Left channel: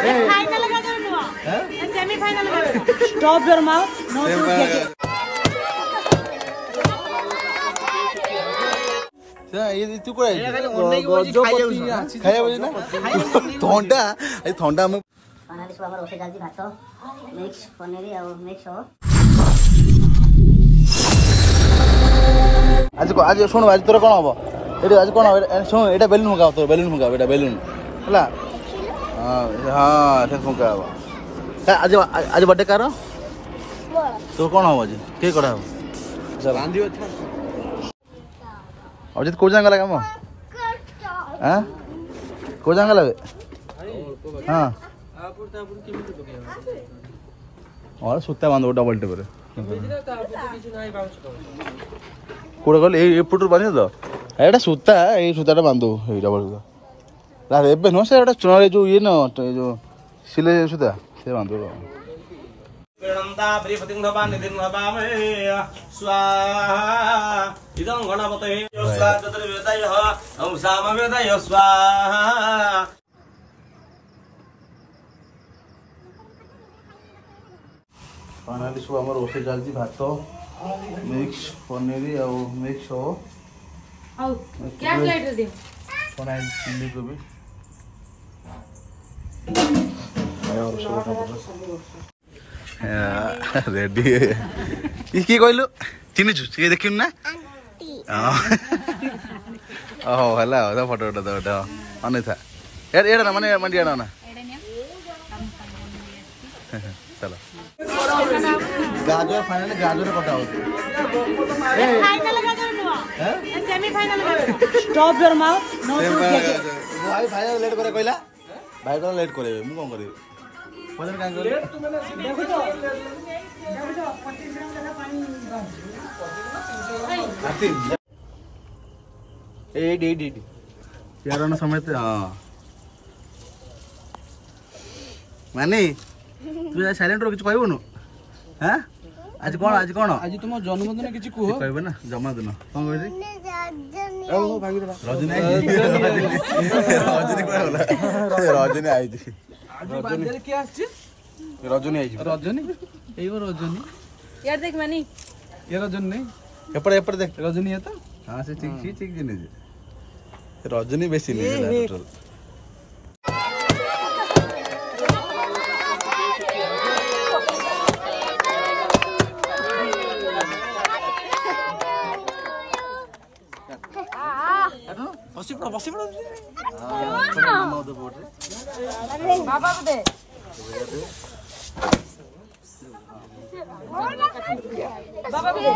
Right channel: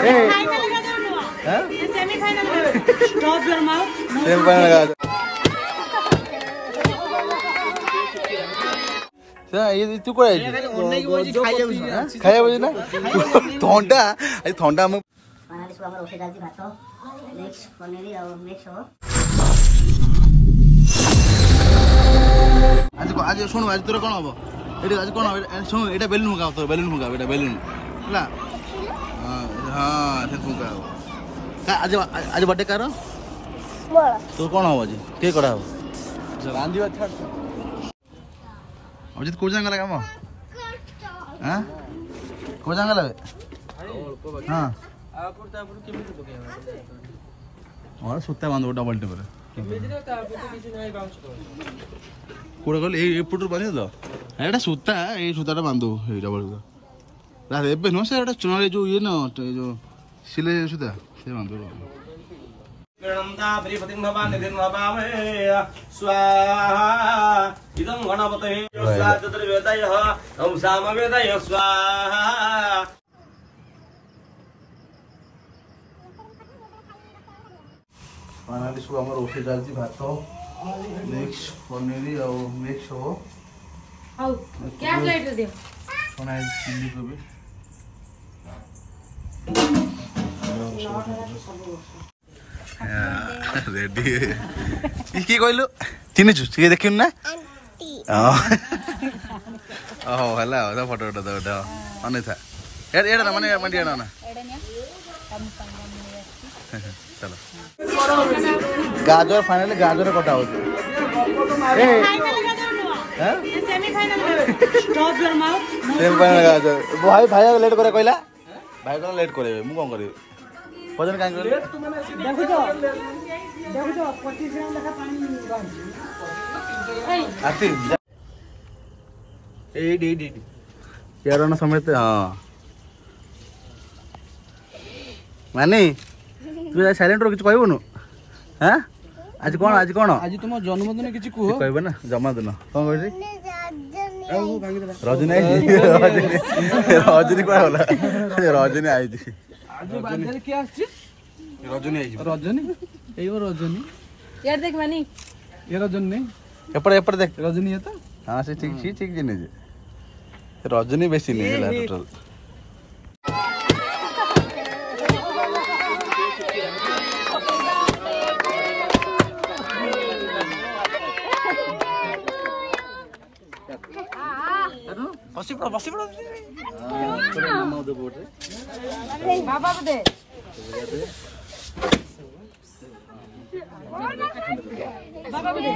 final का करनो हां सेमीफाइनल का स्टॉप योर माउथ सेमीफाइनल का ये तू कोई खाया ना थंडा आज थंडा हम आज शुण आज तोर कौन हम ये आज कौन शुण ये बेलून मुगा तो बेलून मुगा बेटा बेलून है हाँ से फुका हम आज आज बर्थडे कार तो कौन हम आज किए करा हम अजित को जांगा लगा मो हां को जांगा लगे हां और सुत्ता बांधो डबल टे करे कोड़ गल ए पुटुर बांधि दो एटा सुत्ता ए सुत्ताटा बांधो ए डबल का रा एबे नो से एटा चुनारे जो ये न जो सिले सुत्ता से बांधो प्रणमता परिपतिं भवान् निधिं भवामहे स्वाहा इदं गणपतये स्वाहा चतुर्वेदयः ओम सामवेदय स्वाहा फाइनली सु हमर ओसे जालती भात मिक्स पनीर और मिक्स हो आउ क्या प्लेट दे कोना चिल्ली कोबी रेडी की कहलु चिन्हु छु देखिन ना ओह हला ओदा फोटो उठा दो उठा अने था एड़ा ना माने मंडिया ना चलो गाजर फाइनली गाजर कटा हो फाइनल का करनो हां सेमीफाइनल का स्टॉप योर माउथ सेमीफाइनल गाजर भाई भाई लेट करे कहला भाई को लेट करे मु कोन करी वजन काहे करे देखो जो 25 ग्राम लगा पानी आती ए डी यार ना समय ते हां माने तू साइलेंट रो किछ कहबो न हैं आज कोन आज तुम जन्मदिन किछ कुहो कहबो ना जन्मदिन कोन कहै रजनी रजनी कोन होला रजनी आई आज बाजार के आछि रजनी आई रजनी एयो रजनी यार देख मानी ये रजनी नहीं एपड़ देख रजनी है तो हां से ठीक जिने रजनी बेसी नहीं है टोटल बसी पड़ो हां दे बोर्ड रे बाबा को दे बाबा को दे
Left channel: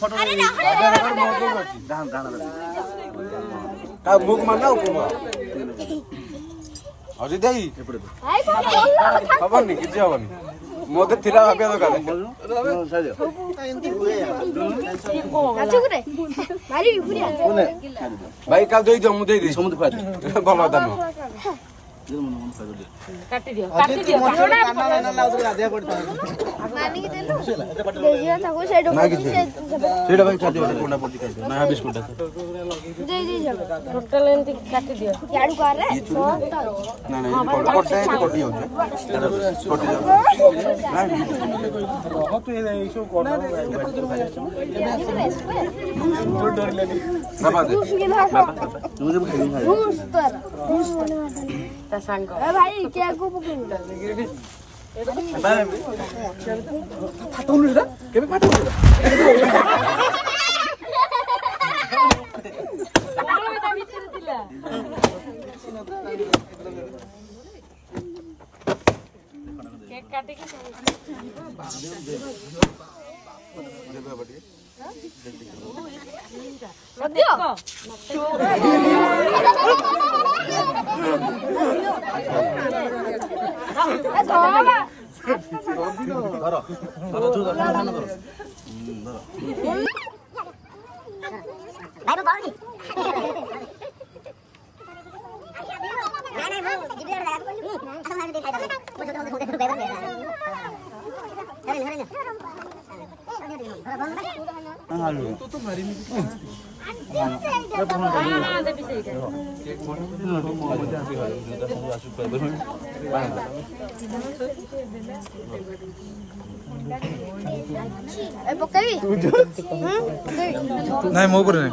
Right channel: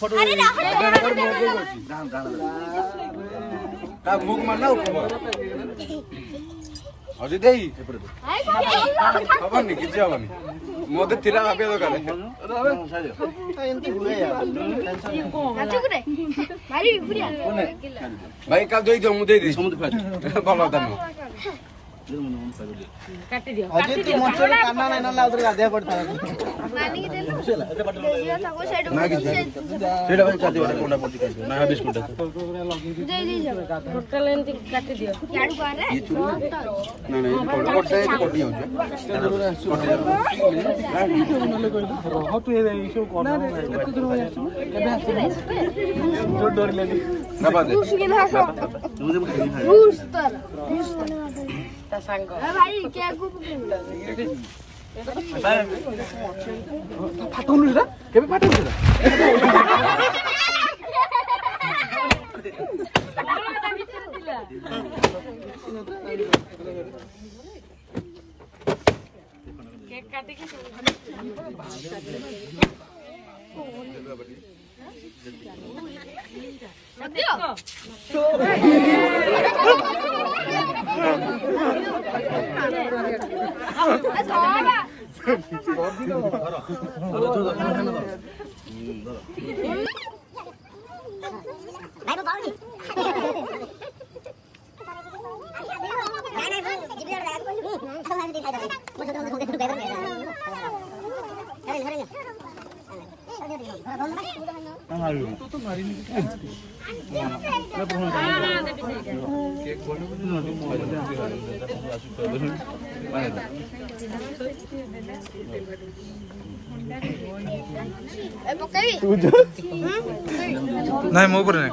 फोटो बुक मारना हजे देई एपड़े हबनी किछ हबनी मोदे थिरा भाबिया दरकार साजो मारी पुरिया भाई का देई दो मु देई दे समुद्र फाज बाबा दाम काटी दियो काना उधर आधे पड़ता नानी के दे एते पटल ना कि सेडा भाई चाती वाला कोंडा पड़ कर ना बिस्कुट दे टोटल एंती काटी दियो याडू कर रे ना ना कोट से कोट दियो कोट दियो रह पे इसो कोन ना एते दूर में डोर लेनी ना बादे मुझे खाई ता सांग ए भाई क्या को पकड़ भाई फाटुनु रे केबे फाटुनु रे केक काटे के तो मारी नहीं ନାଇଁ ମୋ ଉପରେ ନାଇଁ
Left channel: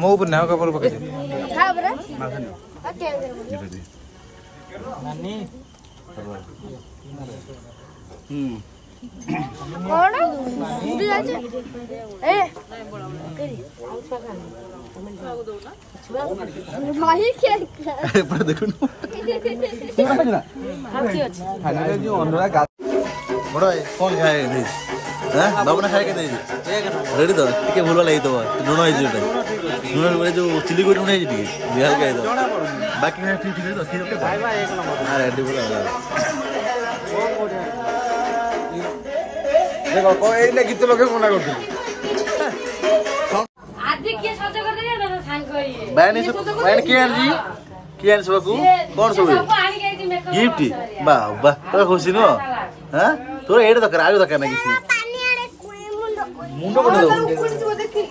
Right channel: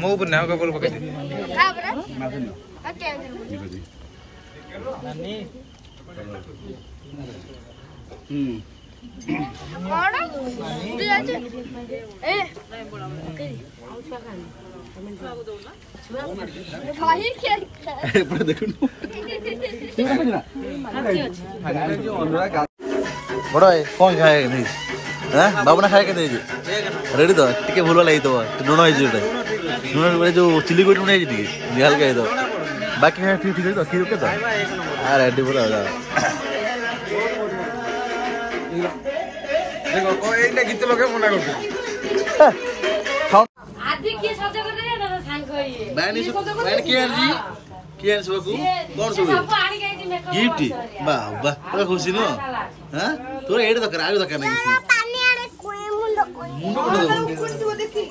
ମୋ ଉପରେ ନାଇଁ କାପଡ଼ ପକେଇଦେ ଦେଖୁନ बड़ा है कौन खाए नहीं हां बाबूना खाए के नहीं रेडी तो टिके भूल वाला तो लुण है जोटे लुण जो चिली कोट लुण है टिके निहाल के तो बाकी है ठीक ठीक तो की तो हां रेडी पूरा देखो को एने गीत लगे मुना कर आदि के सौदा कर दे ना सांग ये बैन के जी कियान सबको कौन सब गिफ्ट वाह वाह तो खुशी नो हां तोर एड दकर आयो दकर ना किसी पानी आने मुंडो कोन दो देखि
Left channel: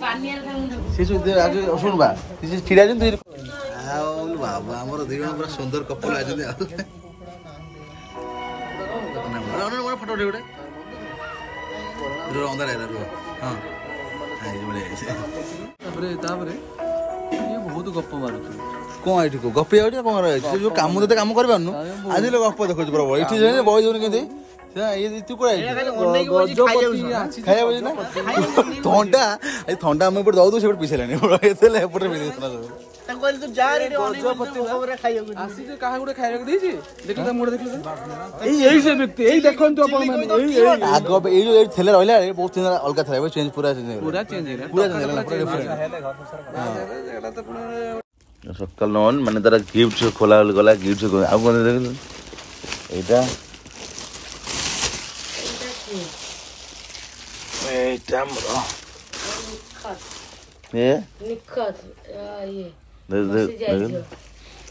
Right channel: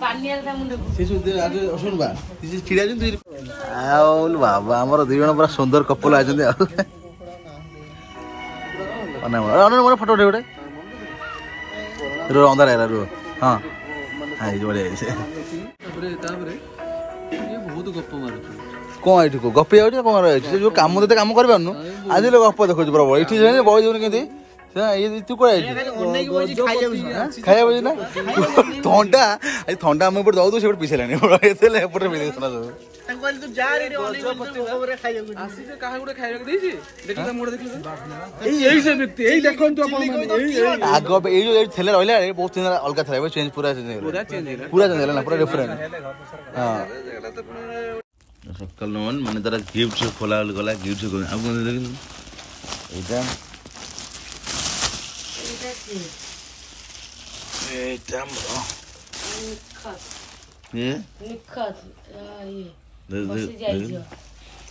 पानी आले मुंडो से दे आगे सुन बा किसी खिड़ा जन तू आउल बाबा हमर दुई जण पूरा सुंदर कपल आ जंदे अना मन फोटो उठे उठे रो अंदर है रो हां हां जोड़े ऐसे ताबरे बहुत गप मारछ कौन एठी को गप आउट कौन रह जो काम देते काम कर पारनु आज लोग गप देखो प्रभु एठी जे बय जोन केते ये तू को खाया बजे ना ठंडा आई ठंडा हम ऊपर जाऊ तो से पीछे लेने एते ले ऊपर मिले सुना सब तंगल तू जा रे गजपति ऊपर खाया आसी जे कहां गुडे खाया देसी देखि मोड़ देखि एई से व्यक्ति एई देखन तो अपन आगो ए जो थेले रहला रे बहुत दिन अलगा था चेंज पूरा चेंज हो ना पूरा डिफरेंट हां सकाल नॉन माने तारा गिफ्ट खोला गला गिफ्ट आ कोन देख एटा एटा मरो ये निखत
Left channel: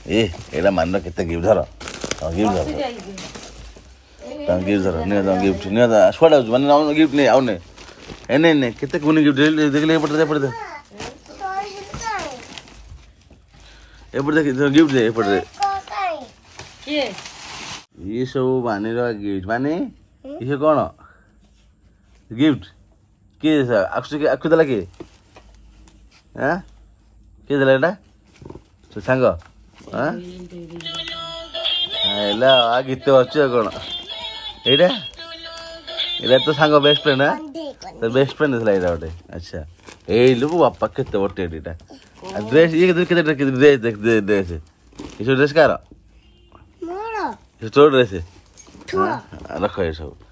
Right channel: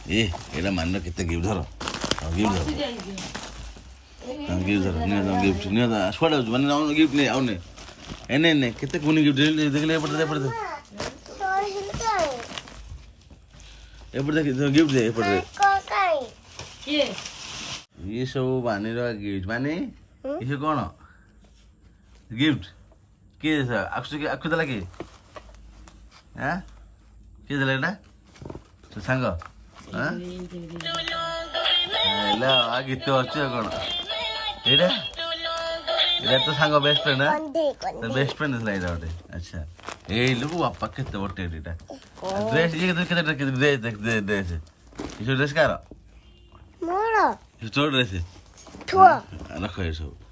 ये एटा मान केते गिफ्ट धर गिफ्ट धर गिफ्ट धर ने गिफ्ट ने छोड़ा माने गिफ्ट नहीं आउने एने ने केते कोन गिफ्ट देख ले पड़ते एपड़ देख गिफ्ट दे एपड़ दे के ये सब माने रो गिफ्ट माने ये कोन गिफ्ट के अक्षु दला के हां के दला एटा तो संग हां एला आ गीत अछि कोन एटा एटा तो संग बेस्ट फ्रेंड ना तो बेस्ट फ्रेंड दिला एटा ओटे अच्छा ए लुबु बापा केते ओटे एटा ड्रेस ये केते ड्रेस देख ड्रेस ये ड्रेस का मोरा ये तो ड्रेस है रखो ये सब